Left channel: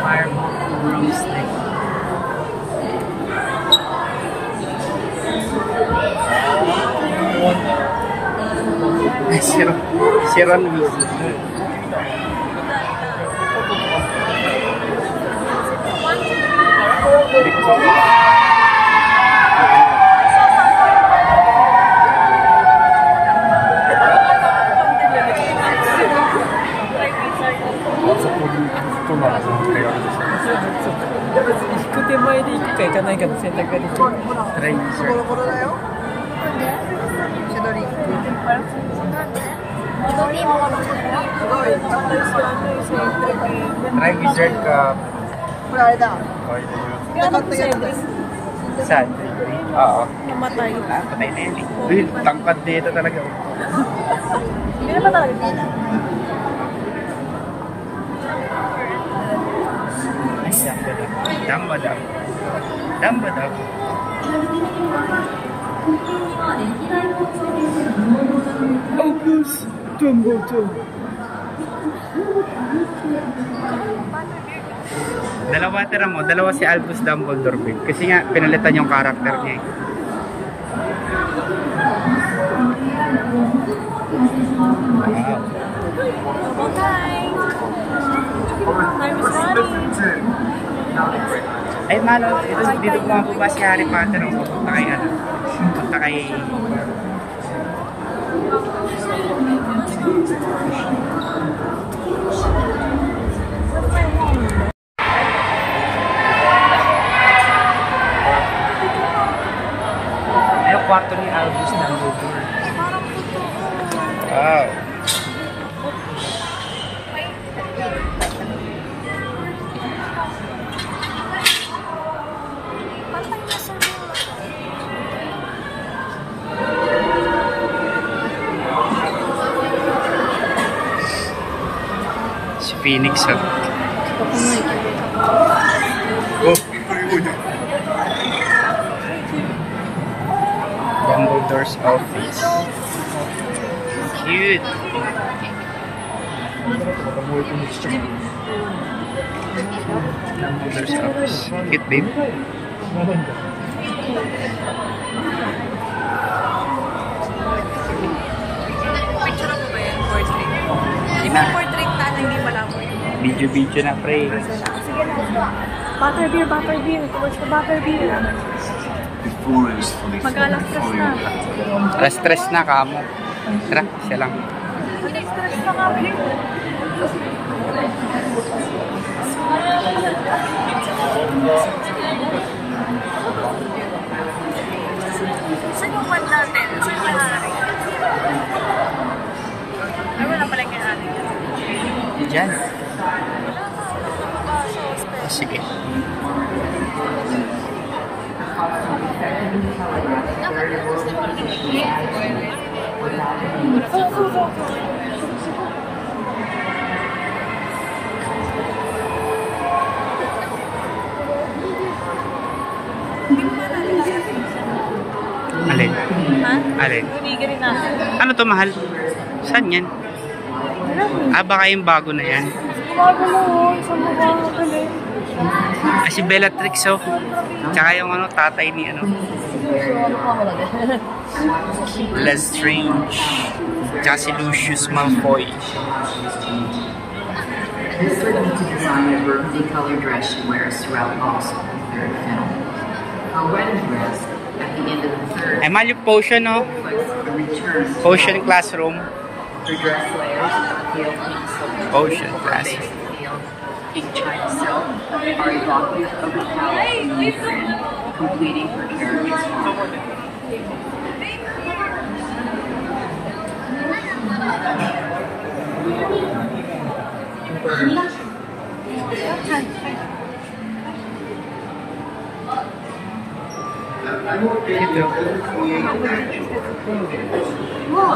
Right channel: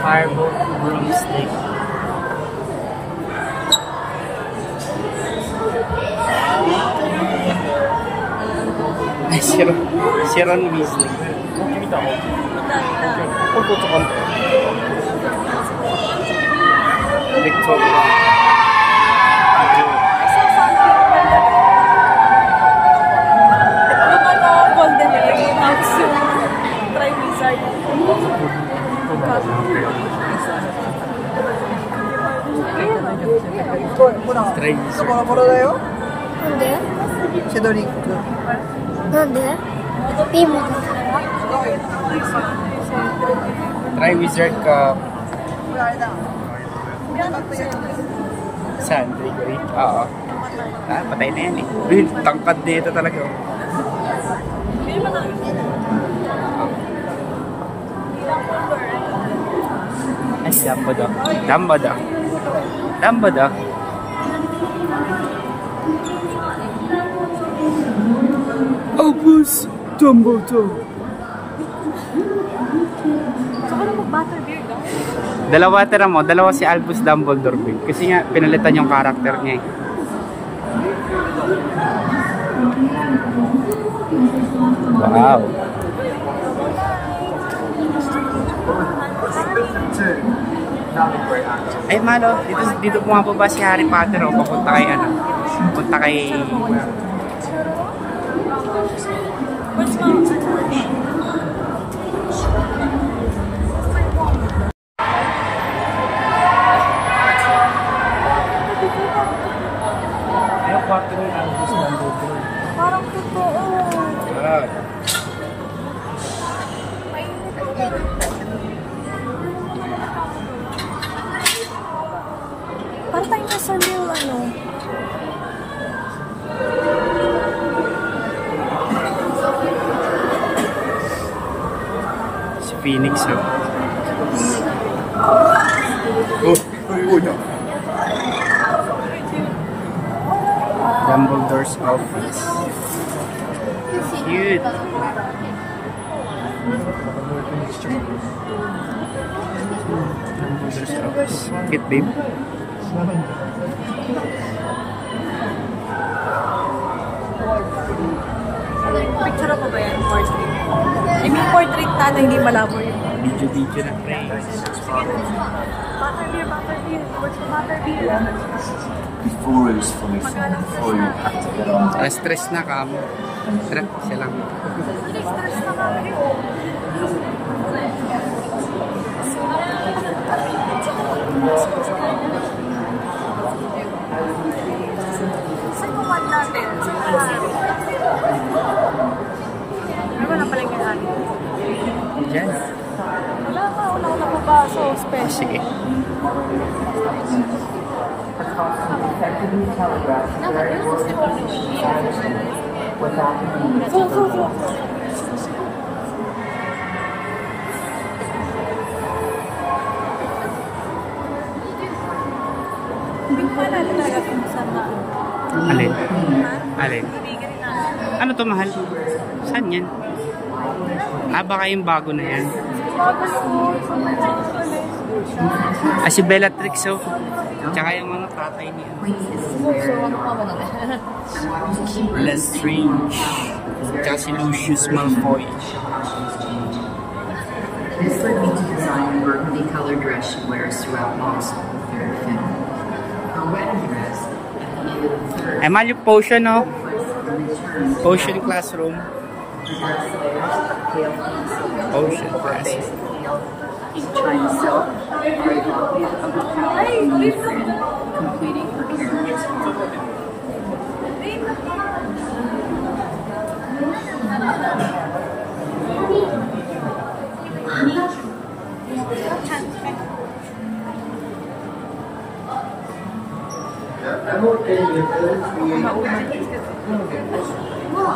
Firebolt broomstick. Si Ron Weasley. Victoria. Try Wizard Cup. Saan? Gregory? Oo. Patay na yan eh. Uy, tangkad na ito talaga. Hindi naman tayo. Ay, Dumbledore. Dumbledore. Dumbledore. Albus Dumbledore. Dalawa tira mo, dalawa si Albus Dumbledore big. Kasi nga pinalitan yung karakter niya eh. Wow. Ay malo, dito pumapaba si Harry Potter o papunta kay ano? Papunta kay ay, yung kwarto ni Albus Dumbledore. Wow. Parang nasa yung ano. Si Phoenix oh. Dumbledore's office. Cute. Dumbledore's office. Cute, babe. Picture ako ba yan? Portrait. Hindi portrait na hindi malaman. Video na, pre. Butterbeer. Where's the butterbeer? Before it was fully formed, before you had to get on. Alas stress na kamo. Tara, siya lang. Saan yung one natin? Saan yung Harry? Ay, wala pala yung Harry. Diyan. Sige. Go. Hindi pa natin lalapin sa Alin? ha? Alin? Binigyan natin. Ano to, mahal? Saan yan? Ah, baka yung bago na yan. Ah, si Bellatrix oh. Tsaka yung ano, tatay ni ano. Lestrange. Tsaka si Lucius Malfoy. This would be to design a burgundy colored dress she wears throughout most of the third film. Her wedding dress at the end of the third Ay, mahal yung potion oh. reflects the return to Potion classroom. her dress layers of pale pink silk Potion over a classroom. base of pale pink China silk are evocative of the power of the friend, completing her character's armor.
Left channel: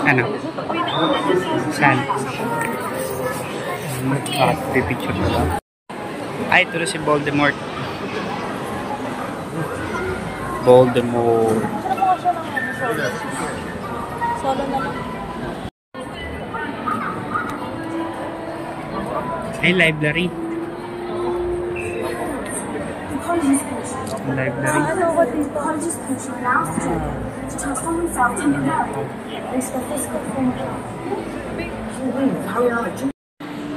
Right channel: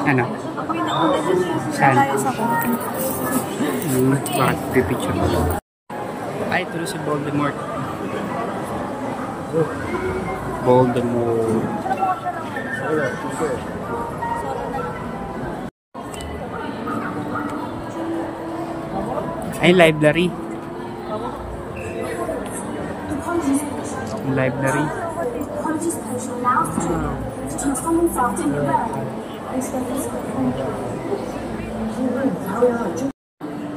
Ano? Ako yung nauna dun sa Saan? Bakit pipicture pa ba? Ay, ito na si Voldemort. Voldemort. Ay, library. Library.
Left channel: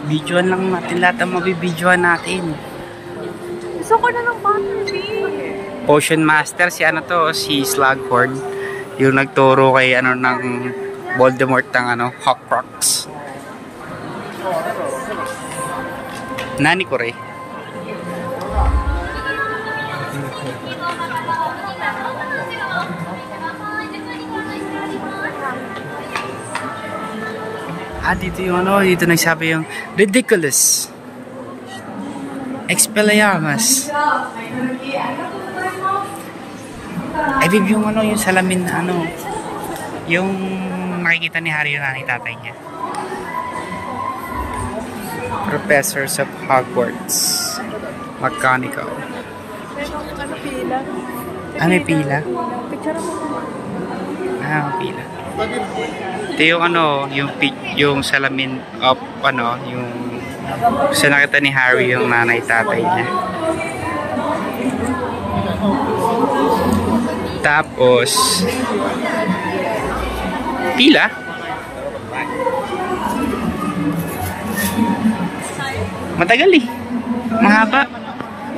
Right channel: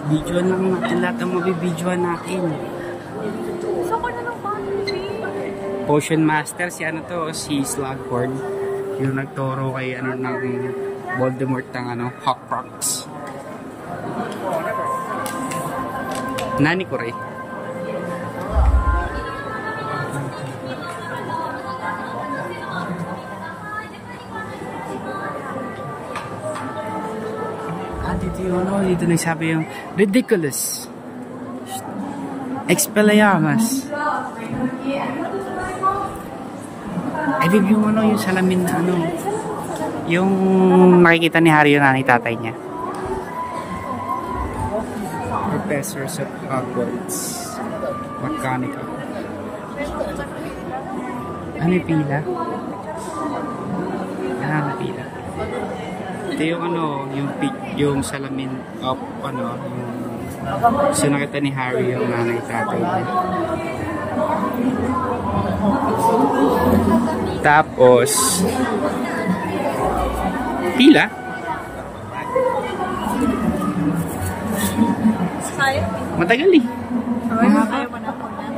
Videoan lang natin lahat ang mabibidyoan natin. Gusto ko na ng fantasy. Potion Master, si ano to, si Slughorn. Yung nagturo kay ano ng Voldemort ng ano, Horcrux. Nani ko rin. Dito yung ano, dito nagsabi yung ridiculous. Expelliarmus. Ay, yung ano, yung salamin na ano, yung makikita ni Harry yung nanay tatay niya. Professors of Hogwarts. McGonagall. May pila? Pila. Ito yung ano, yung salamin of ano, yung sa nakita ni Harry yung nanay tatay niya. Tapos pila? Matagal eh. Mahaba.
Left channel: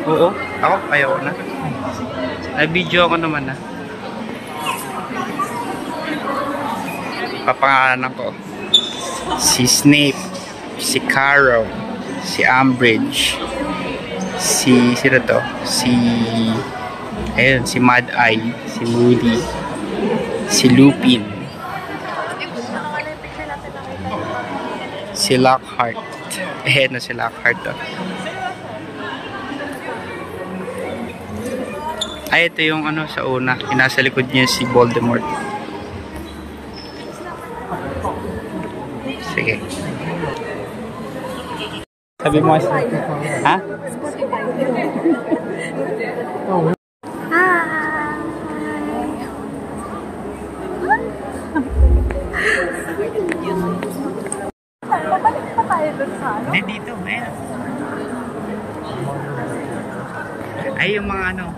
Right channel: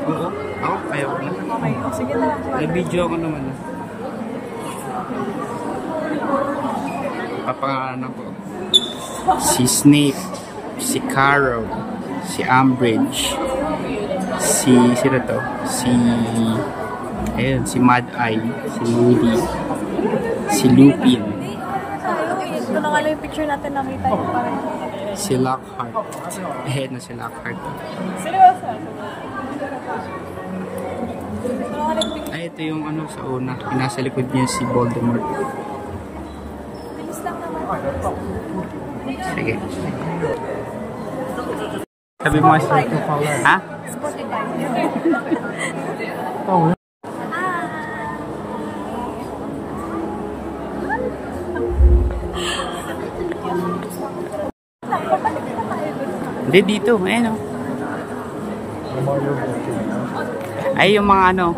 Oo. Ako ayaw na. Na-video ako naman na. Papangalan ko. Si Snape, si Carrow, si Umbridge, si sino to? Ayun, si Mad Eye, si Moody, si Lupin, si Lockhart. Na si Lockhart to. Ay, ito yung ano sa una. Yung nasa likod niya si Voldemort. Sige. Sabi mo kasi. Ha? Babalik pa tayo dun sa ano? Hindi, dito. Ayan o. Ay, yung mga ano.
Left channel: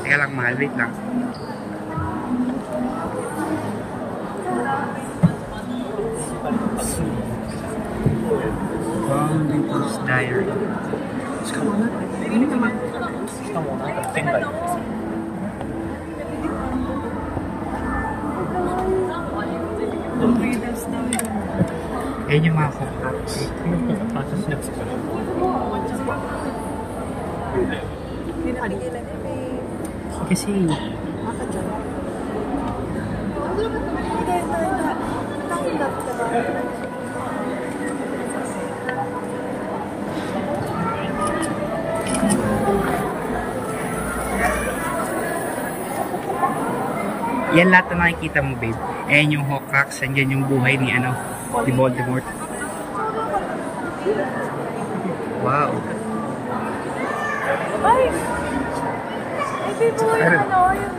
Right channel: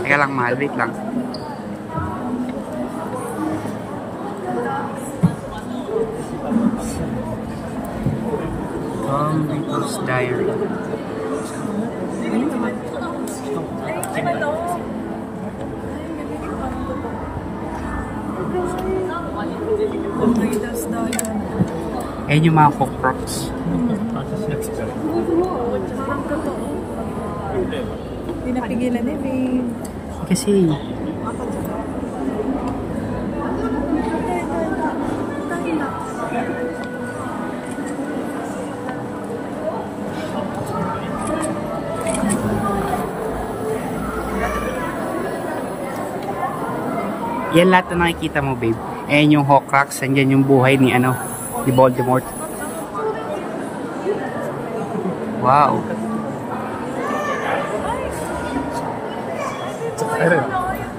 Teka lang, mahal. Wait lang. Dumbledore's Diary. Ayun yung mga Horcrux. Hindi napigilan din eh. Kasi yan lahat na nakikita mo, babe. Ayan yung Horcrux, andyan yung buhay ni ano, ni Voldemort. Wow.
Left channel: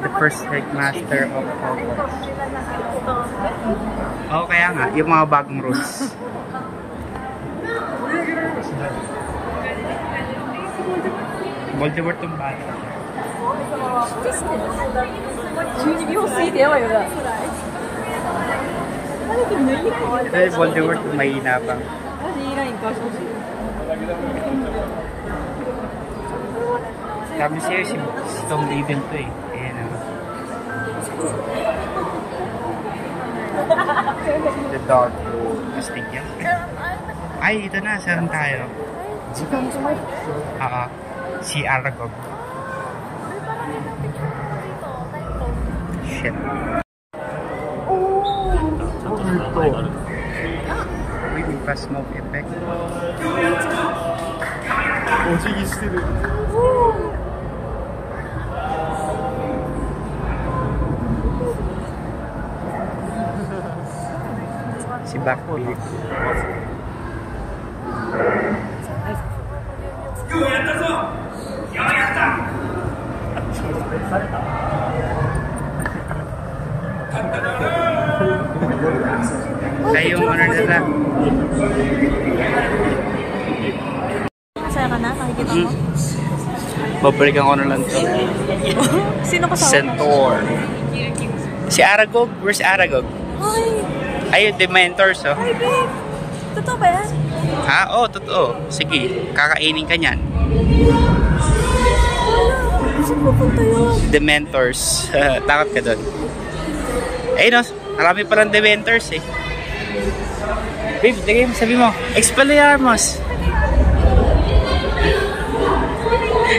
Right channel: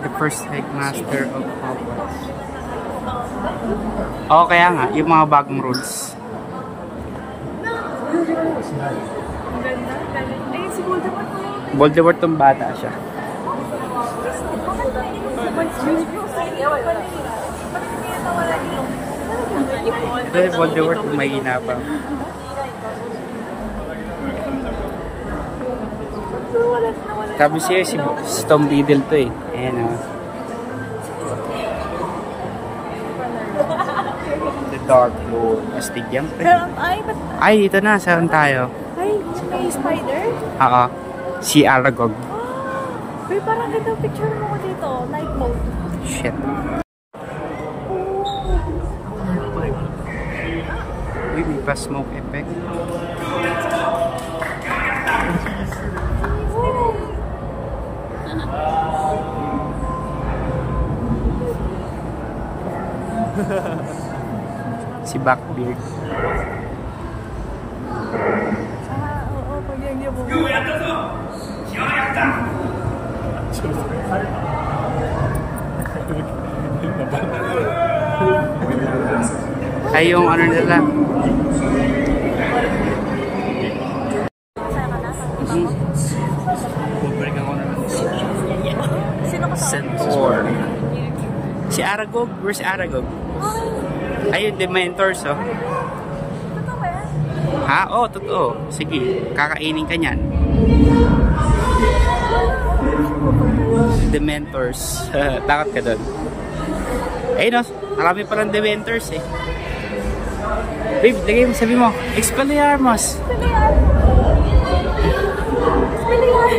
The first headmaster of Hogwarts. Oo, kaya nga, yung mga bagong rules. Voldemort tong bata siya. Ito si Voldemort yung mahina pa. Sabi siya si Tom Riddle to eh. Ayan o. The Dark Lord. Astig yan. Ay, ito na. Saan tayo? Ay, spider? Oo. Si Aragog. Uy, parang ganda picture mo dito. Night mode. Shit. Oh! Ito. Uy, may pa smoke effect. Blackbeard. Ay, yung ano nila. Masaya ka na? Babalikan ko na lang to. Sino pa sa Centaur. Si Aragog. Where's Aragog? Ayun, Dementors, oh. Totoo ba yan? Ha? Oo, totoo. Sige, kakainin ka niyan. Dementors. Takot ka doon. Ayun, oh. Marami palang Dementors, eh. Babe, lagay mo, sabi mo, Expelliarmus.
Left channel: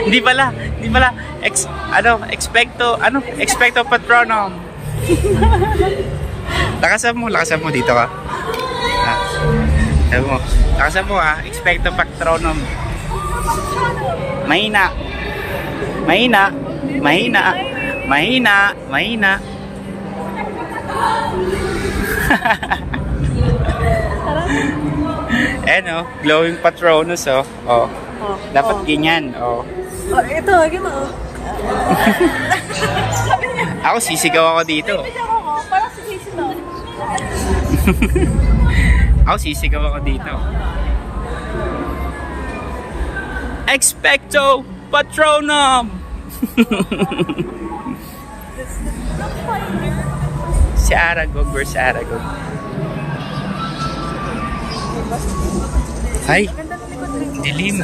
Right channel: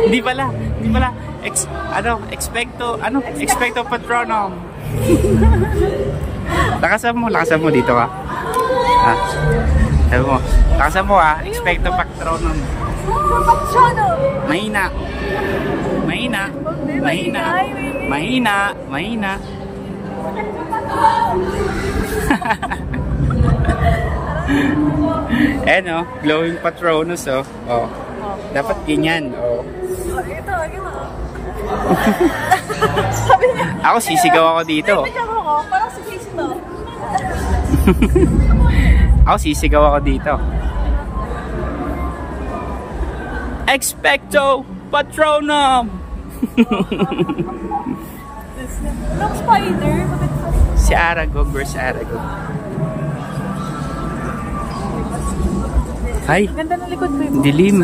Hindi pala. Expecto Patronum. Lakasan mo, dito ka. Ah. Sabi mo, lakasan mo Expecto Patronum. Mahina. Ayan, oh, glowing Patronus, oh. Oh. Dapat ganyan, oh. Oh, ito, gano'n. Sabi niya. Ako, sisigaw ako dito. Parang si Casey to. Ako, sisigaw ako dito. Expecto Patronum! Spider. Si Aragog, where's Aragog? Ay, Ganda ng likod rin. dilim.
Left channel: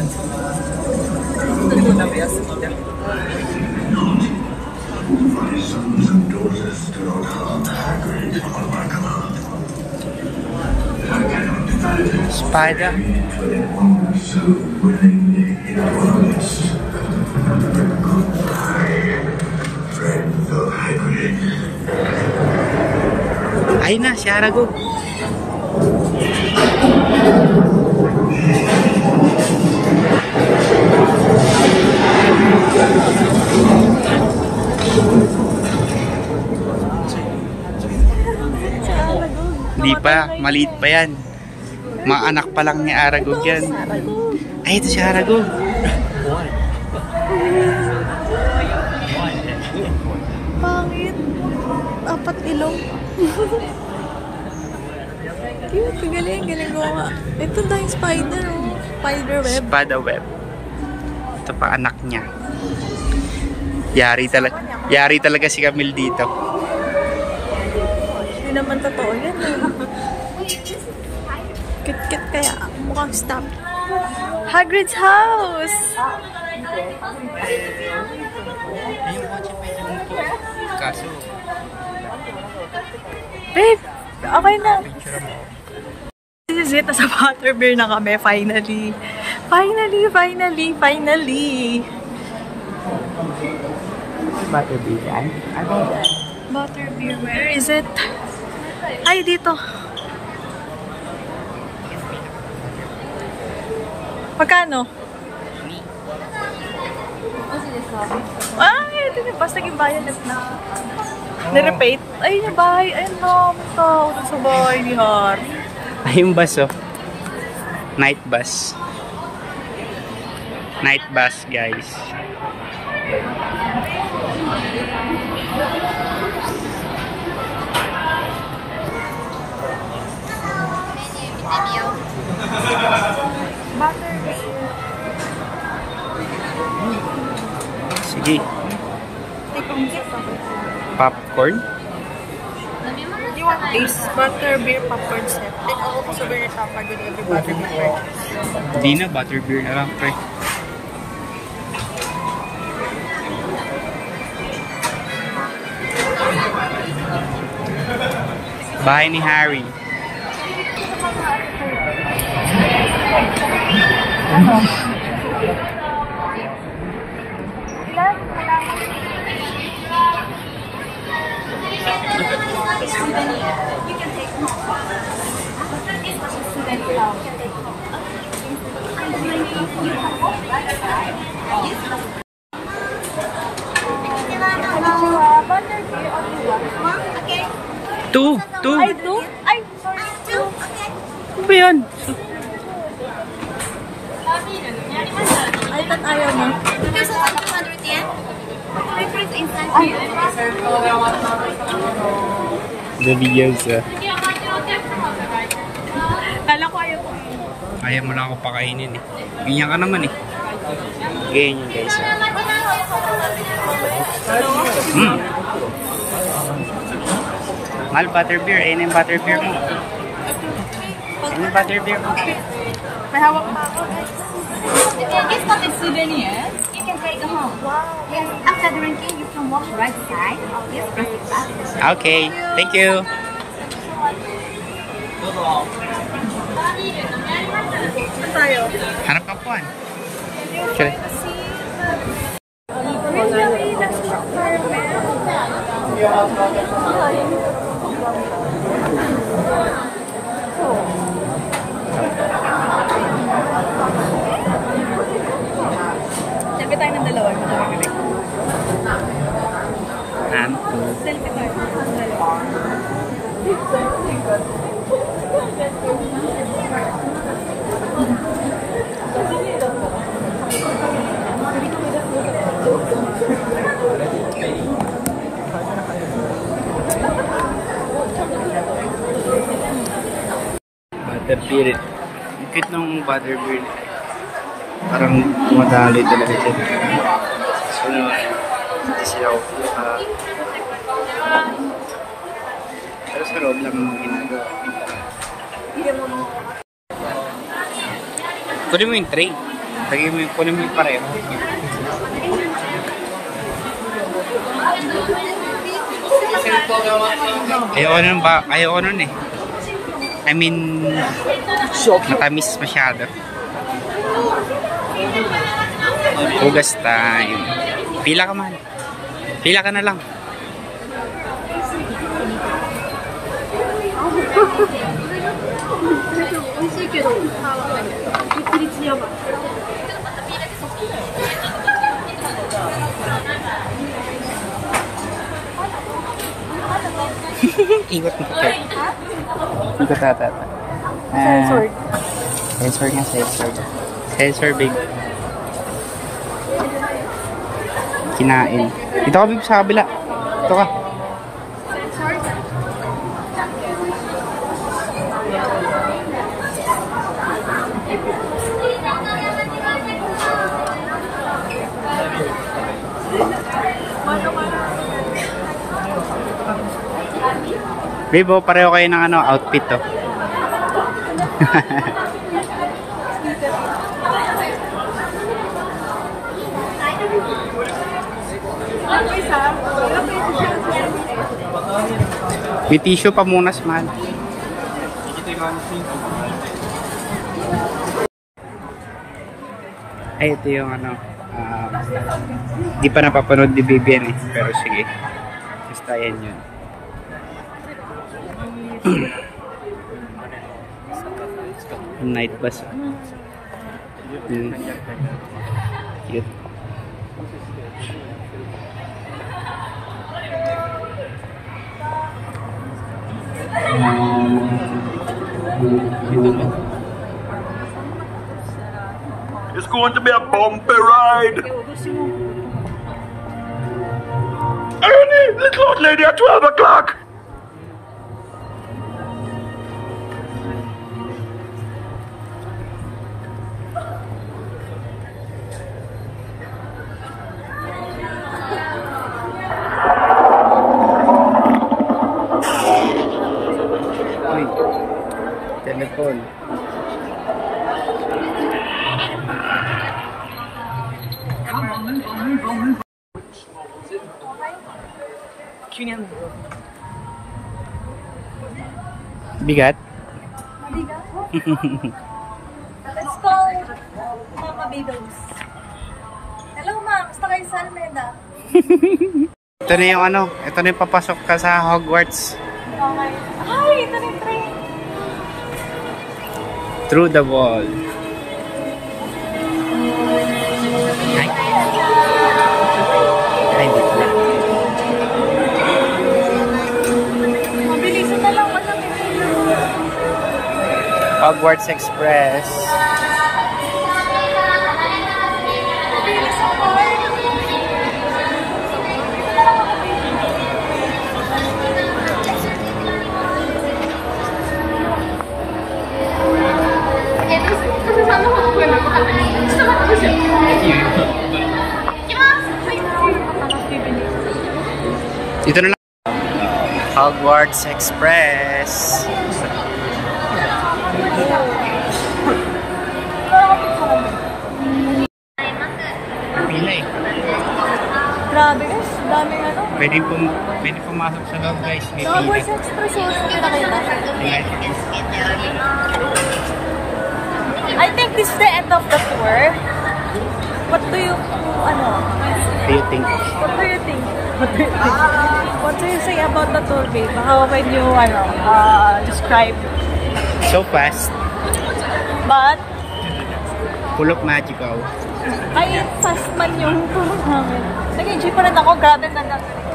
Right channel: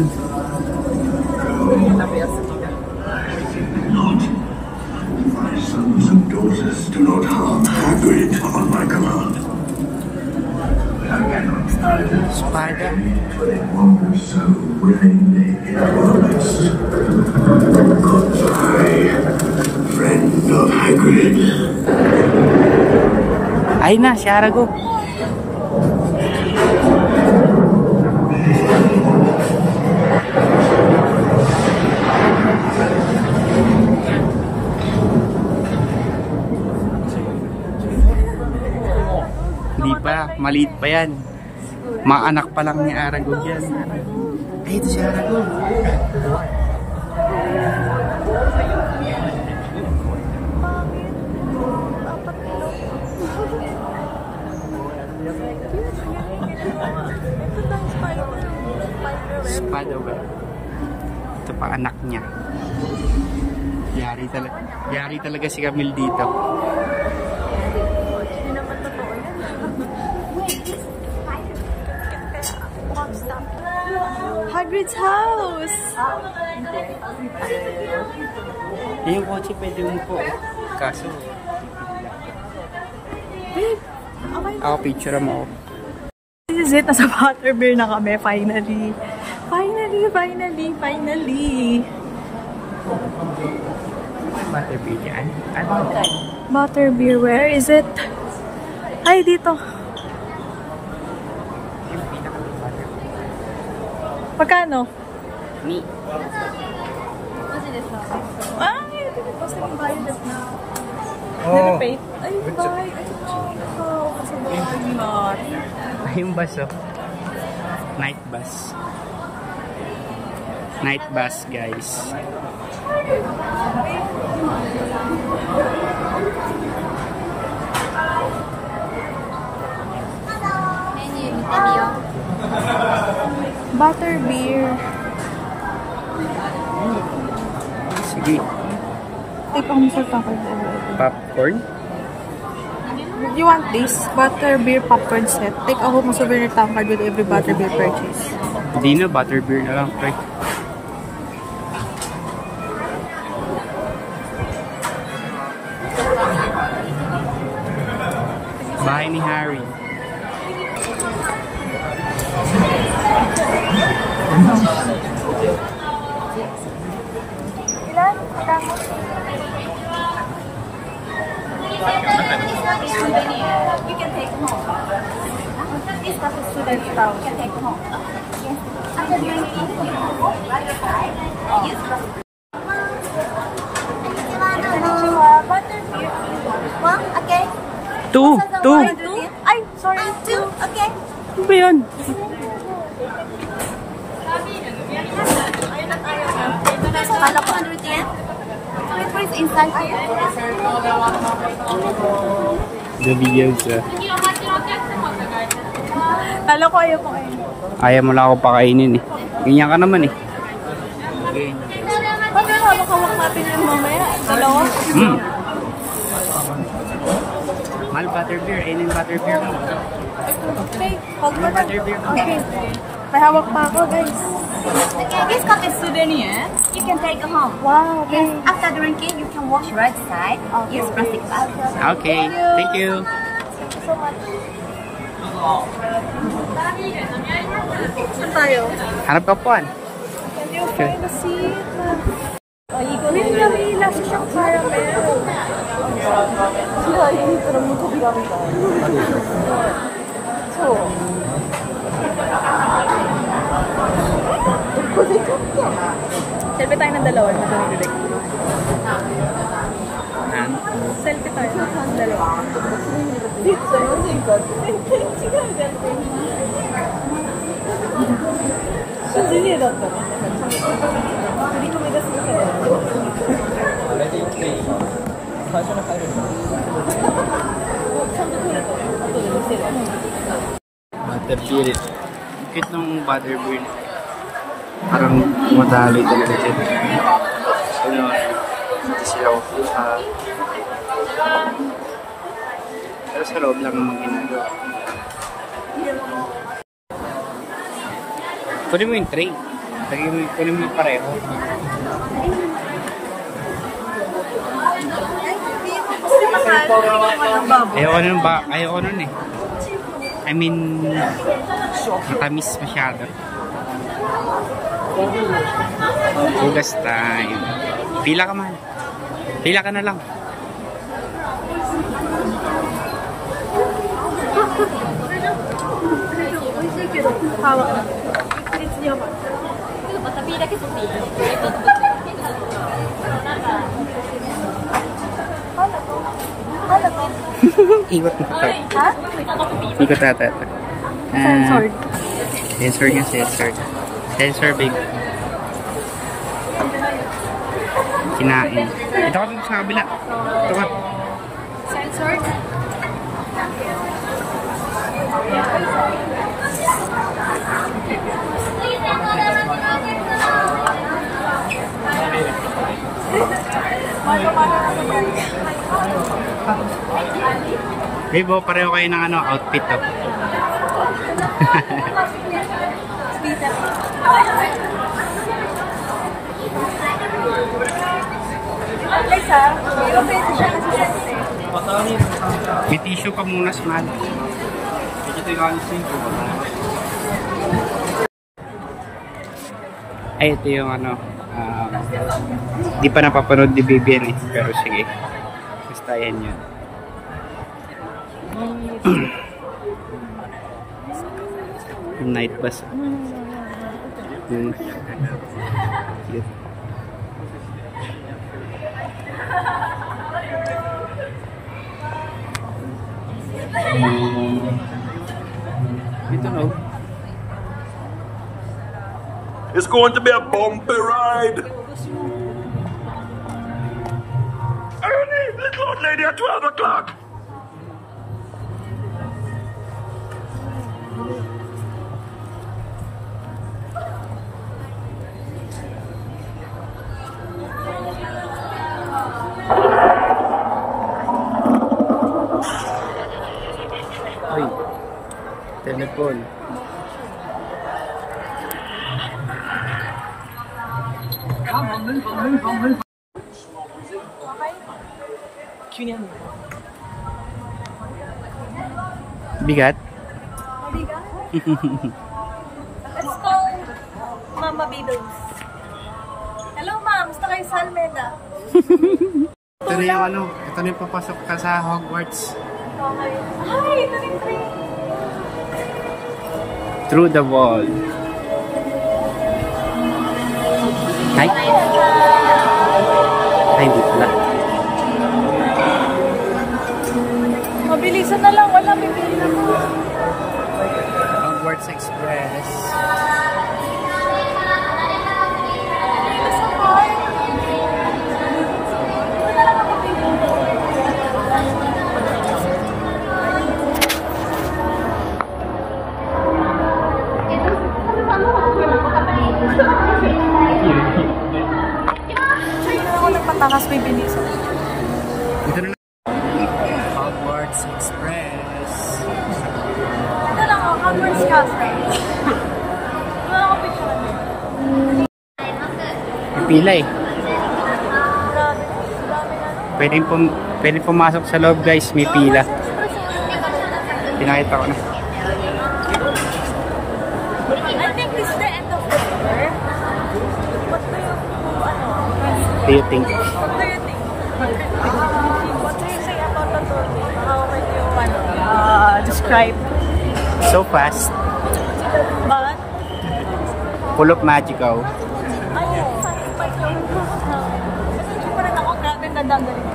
Sons and daughters do not harm Hagrid on Ragnar. I cannot deny that. Spider. But one so willingly in our midst. Goodbye, friend of Hagrid. Ay na, si Aragog. Hindi pa, maliit pa yan. Mga anak pa lang ni Aragog yan. Ay, ito si Aragog. Bakit? Apat ilong. Galing mo nga. Ito na yung spider. Spider web. Spiderweb. Ito pa anak niya. Yari talaga si Camille dito. Hindi naman totoo yan. Kit-kit kaya. Mag-stop. Hagrid's house! Yung kotse pwede mo po. Kaso, Babe! Okay na. picture mo. This is it. Nasa Butterbeer na kami. Finally. Finally. Butterbeer yan? Ay, bakit? Butterbeer, where is it? Ay, dito. Pagkano? Ay, ito na. Basta naging bayad na. Nirepate. Ay, yung bahay. Ayun na. Tao sa bahay ni Harry. Ay, yung bus, oh. Night bus. Night bus, guys. Butterbeer. Sige. Take on sa kakit. Popcorn? You want this butterbeer popcorn set? Take a home souvenir tampad with every butterbeer purchase. Hindi na, butterbeer na lang, pre. Bahay ni Harry. Two. Ay, two? Ay, sorry. sorry. Okay. Ano ba yun? Kala ko 110. Difference inside. The videos. Kala ko ayaw ko ay. Ayaw mo lang ako pakainin eh. Ganyan ka naman eh. Ganyan guys. Mahal butterbeer. Ayun yung butterbeer mo. Ayun yung butterbeer mo. May hawak pa ako guys. Okay, this cup is souvenir. You can take it home. Wow. Yes, after drinking, you can wash right side. Use plastic bag. Okay. Thank you. Saan tayo? Hanap ka po. Okay. Ay, yummy. Nasa siyang caramel. Selfie tayo ng dalawa. Ito na bibig. And two. Selfie tayo ng dalawa. Butterbeer. Ang cute nung butterbeer nila. Parang tumadali talaga dyan. Sino, hindi sila kukuha. Pero sa loob lang naman ginagawa. Kunin mo yung tray. Kunin mo yung pareho. Ayoko nun eh. I mean, matamis masyado. Hugas time. Pila ka man. Pila ka na lang. Ikot mo ito. Ikot ata ito. Sensor nga, sensor. Sensor, babe. Kinain. Ito ka, babe, sa kabila. Ito ka. Sensor? Babe, oh, pareho kayo ng ano, outfit to. Guys ha, hirap pa yung siya kasi sensor. May tissue pa muna, man. Ay, ito yung ano, di pa napapanood ni Vivian eh, pero sige. Basta yan yun. Night bus. Cute. It's going to be a bumpy ride. Ernie, little old lady at 12 o'clock. Uy, telephone. Bigat? Let's call Mama Bidogs. Hello ma'am, gusto kayo sa Almeda? Ito na yung ano, ito na yung papasok ka sa Hogwarts. Okay. Ay, ito na yung train. Through the wall. Hi. Ay, hindi pala. Mabilisan na lang, wala bilis. Hogwarts Express. Pili sa card. Ako nagpatakas, may bilis. Dito na lang. Hogwarts Express. Pila eh. Grabe, dami ano. Pwedeng pumasok sa loob guys, may pila. Pinakita ko na. I think this is the end of the tour. What do you, Do you think? what do you think? What do you say about the tour, babe? How when you, describe? So fast. But, Full of magical. ay, fast man yung namin. Nag-enjoy pa rin ako. Grabe, ang ganda rin.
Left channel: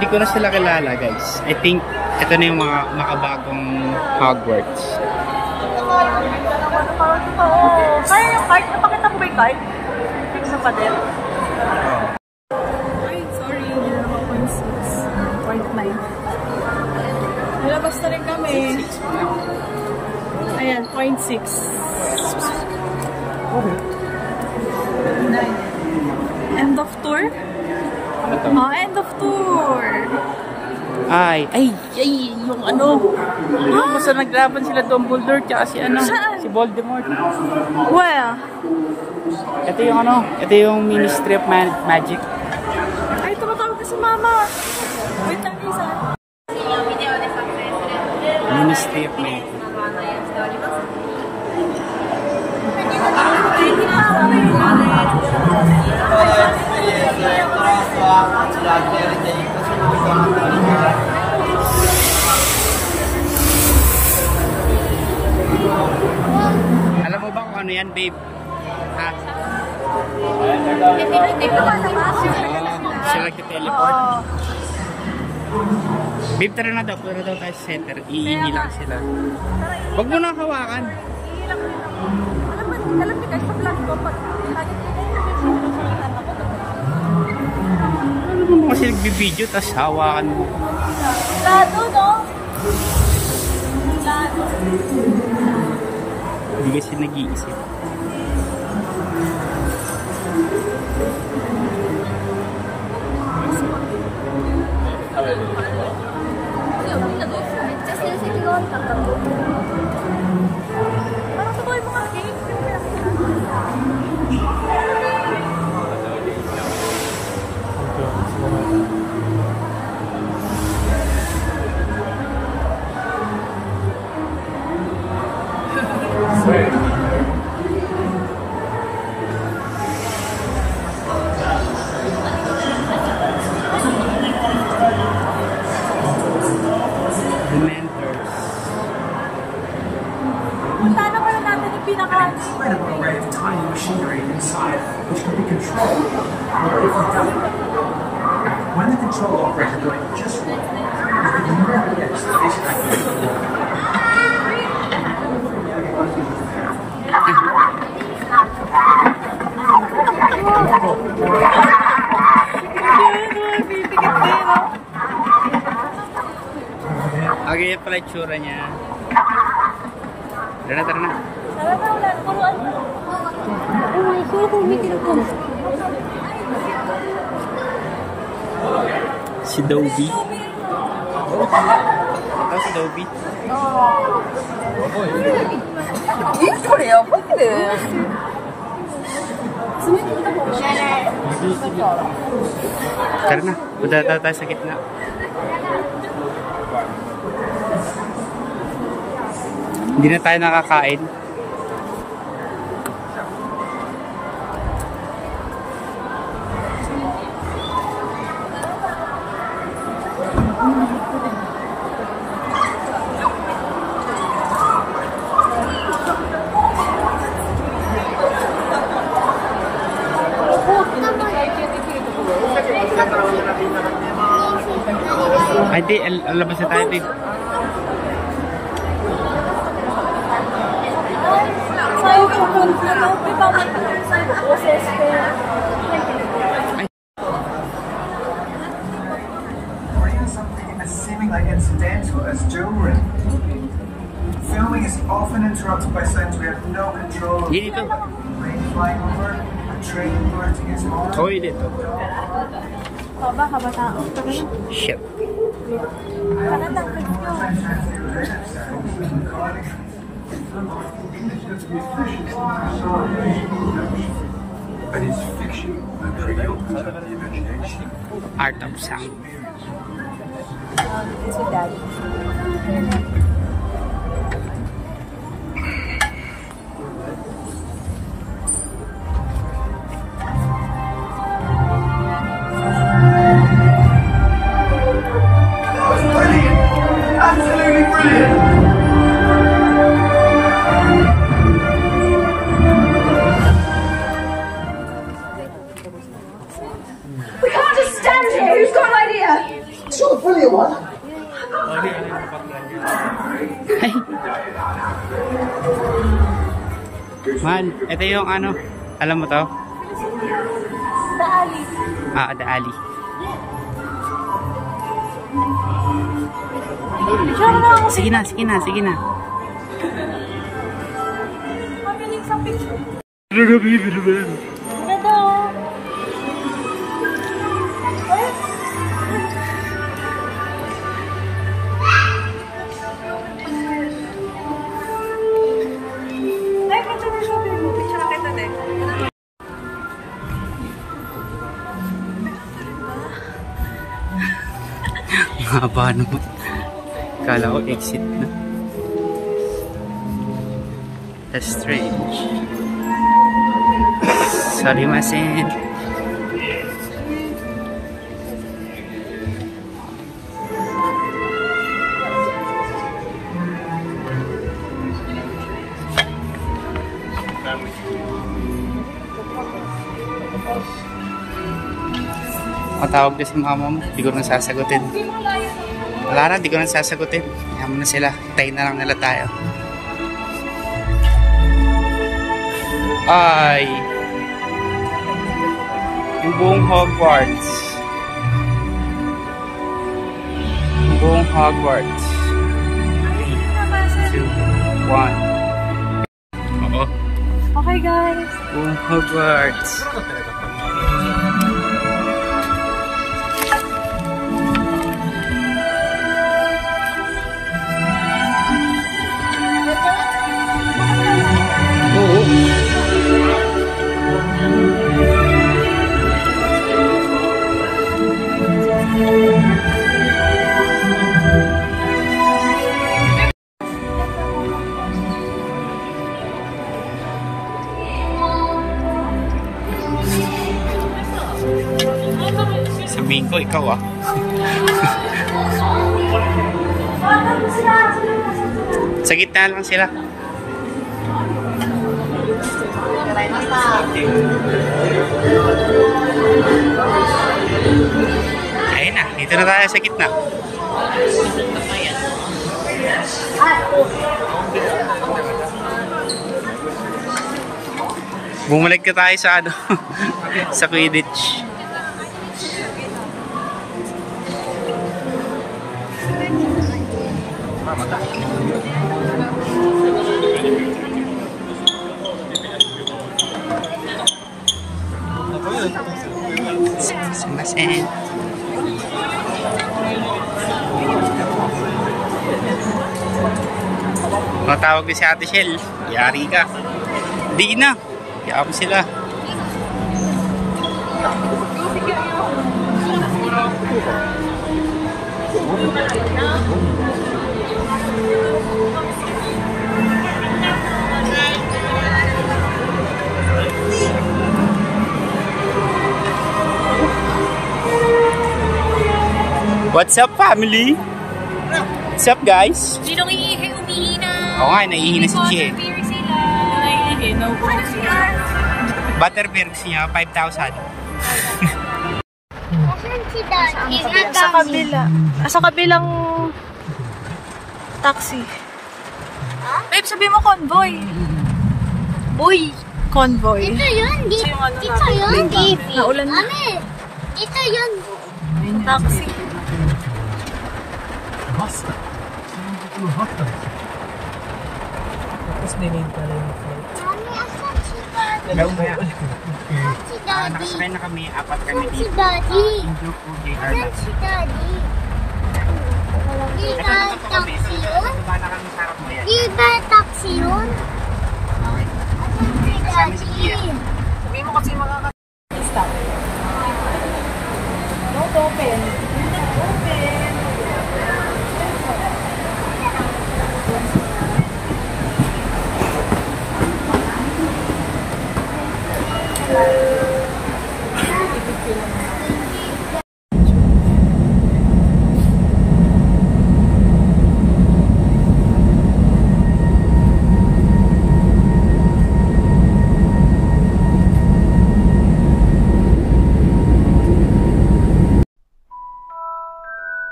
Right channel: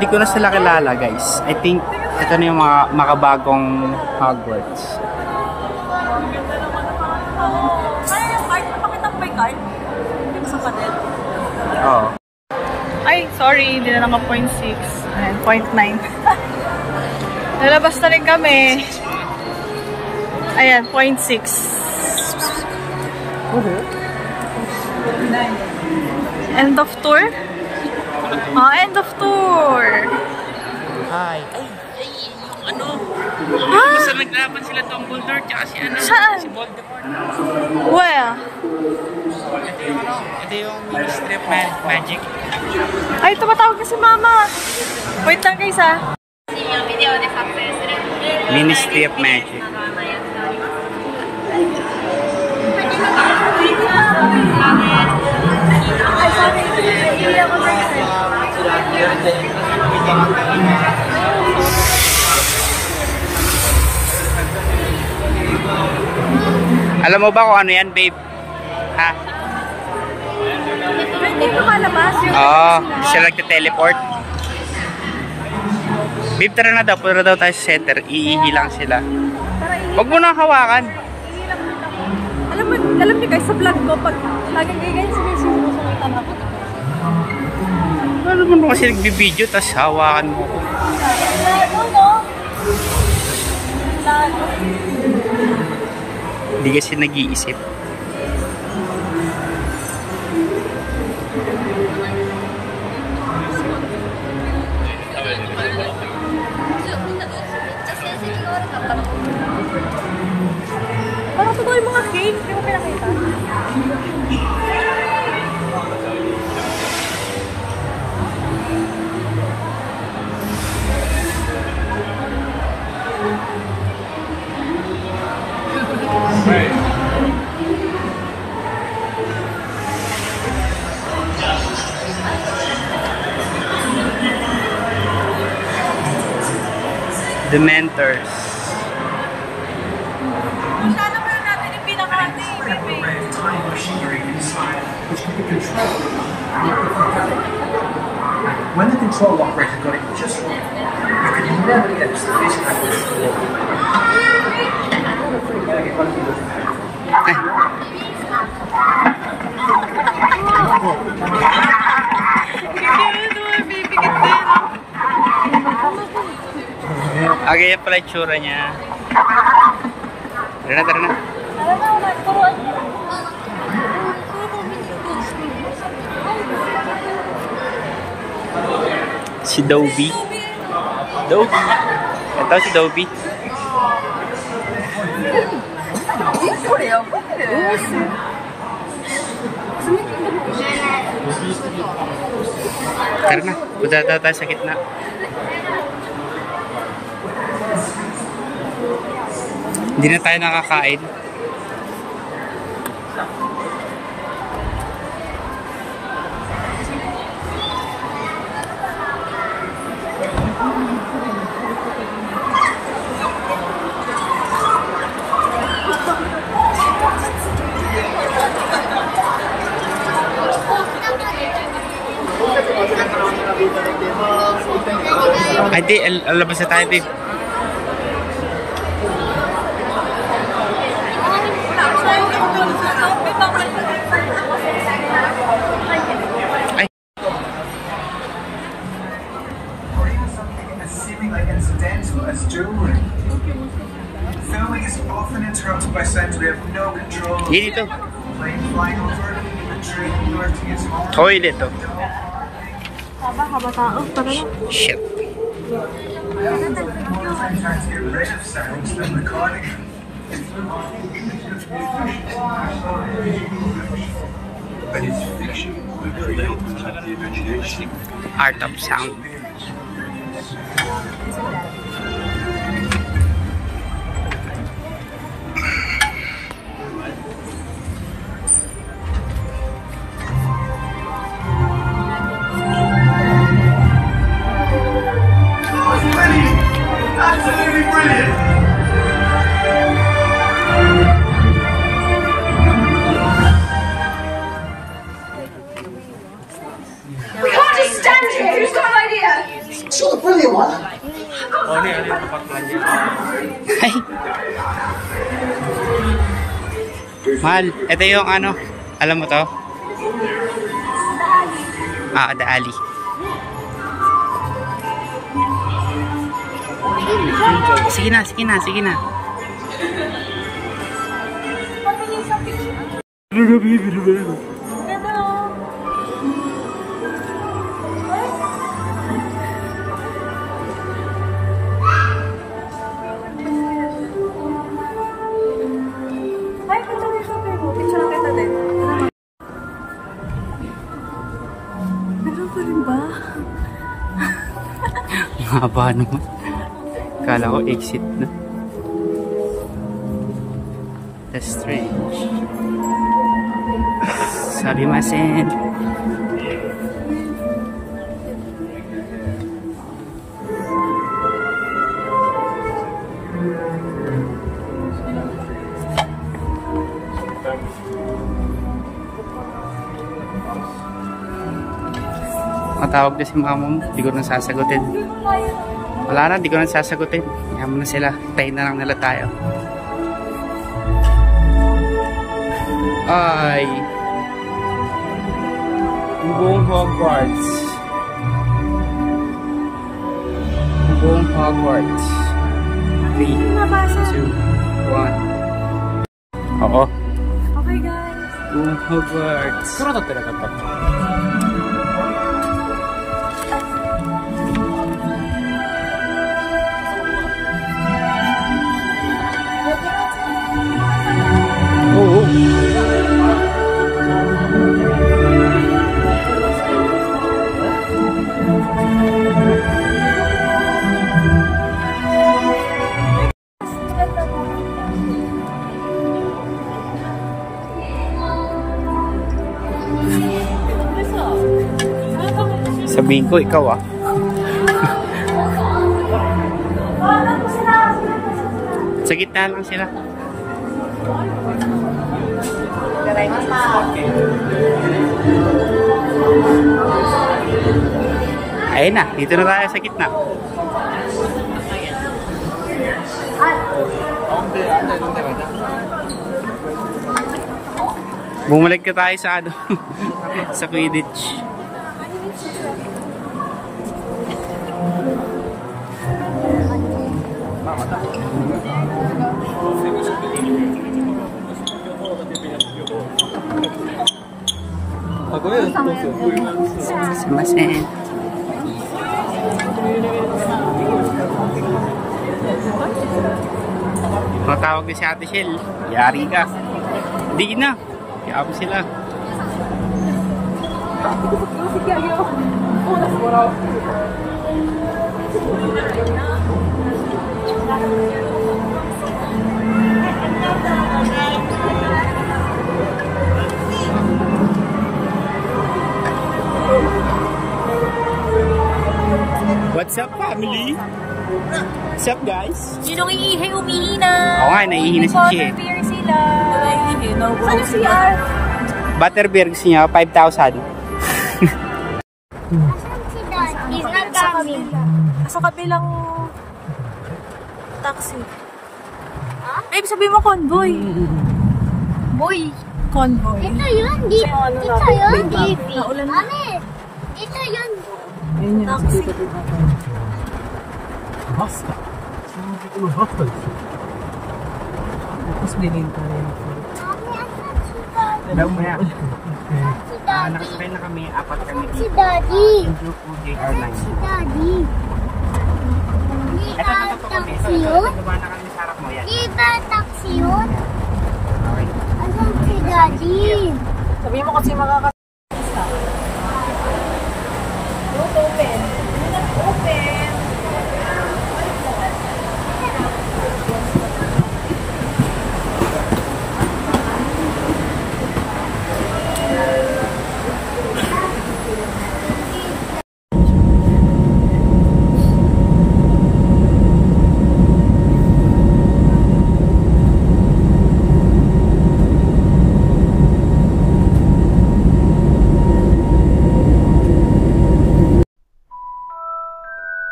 Di ko na sila kilala guys. I think ito na yung mga makabagong Hogwarts. Ang ganda naman na parang ito. Kaya yung card, napakita mo ba yung card? Yung sa pader? Oo. Ay, sorry, hindi na naka 0.6. 0.9. Lalabas na rin kami. Ayan, 0.6. End of tour? End of tour. Ay, yung ano. Basta naglaban sila Dumbledore tsaka si ano, Saan? si Voldemort. Where? Ito yung ano, ito yung Ministry of Magic. Ay, tumatawag na si Mama. Wait lang guys ha. Ministry of Magic. Alam mo ba kung ano yan, babe? Ha? Oo, sila nagte-teleport. Babe, tara na daw. Punta daw tayo sa center. Iihi lang sila. Huwag mo nang hawakan. Alam niyo guys, sa vlog ko, pag nagagagay sinusunod ako. Alam mo naman kasi nagbibideo, tapos hawakan mo ko. Lado, no? Lado. Hindi kasi nag-iisip. Parang ko yung mga cake. Hindi ko pinakita. Dementors. Sana pala natin yung pinakani. Time machinery inside, which can be controlled. When the control operator got it just right, you could never guess that this happened before. Okay, yan pala yung tsura niya. Tara na, tara na. Tara na, wala. Turuan mo. Si Dobby. Dobby. Ito si Dobby. Tara na, punta tayo sa gitna. Hindi na tayo nakakain. Hindi, alabas na tayo, babe. Ay. As seeming like incidental as jewelry. Filming is often interrupted by signs we have no control of. Dito. Plane flying over, the train alerting is on. Toilet to. Haba tao. Tara na. Shit. Trying to get rid of sounds and recording them. And it's fiction that creates the imagination. Art of sound. Absolutely brilliant! We can't just stand here. Who's got an idea? Sure, the brilliant one. Ay. Mahal, ito yung ano, alam mo to? The alley. Sige na. Pabiling sa picture. Ay, picture mo siya, babe. Picture kita din. Meron pa rin ba? Mahaba naman. Kala ko exit na. That's strange. Sorry, masen. Matawag na si mama mo. Di ko na sasagutin. Wala na, di ko na sasagutin. Yaman na sila. Hintayin na lang nila tayo. Ay. Yung buong Hogwarts. Yung buong Hogwarts. 3, 2, 1. Oo. Okay, guys. Buong Hogwarts. Oo. Sabihin ko, ikaw ah. Sa gitna lang sila. Ayun na, dito na tayo sa gitna. Bumalik ka tayo sa ano, sa Quidditch. Sumasen. Matawag ni si Ate Shell. Yari ka. Di na. Kaya mo sila. What's up, family? What's up, guys? Sinong iihing umihina? Oo nga, naiihina si Chie. Beer sila. Naiihin. Nauuwi sila. Butterbeer gusto niya, 5,000. He's not kabila. Sa kabilang taxi. Babe, sabi mo convoy. Boy. Convoy. Dito yun. Dito yun. Dito. Naulan na. Mami, dito yun. Taxi. Meron ba yan? Si Daddy. Nakasakay na kami, apat kami Si dito. Daddy. Yung JR lang. Si Daddy. Di ba taxi yun? Diba na kami sa harap mo yan? Di ba taxi yun? Okay. Asan si Daddy? Sabi mo kasi makaka-stop. Don't open. Don't open.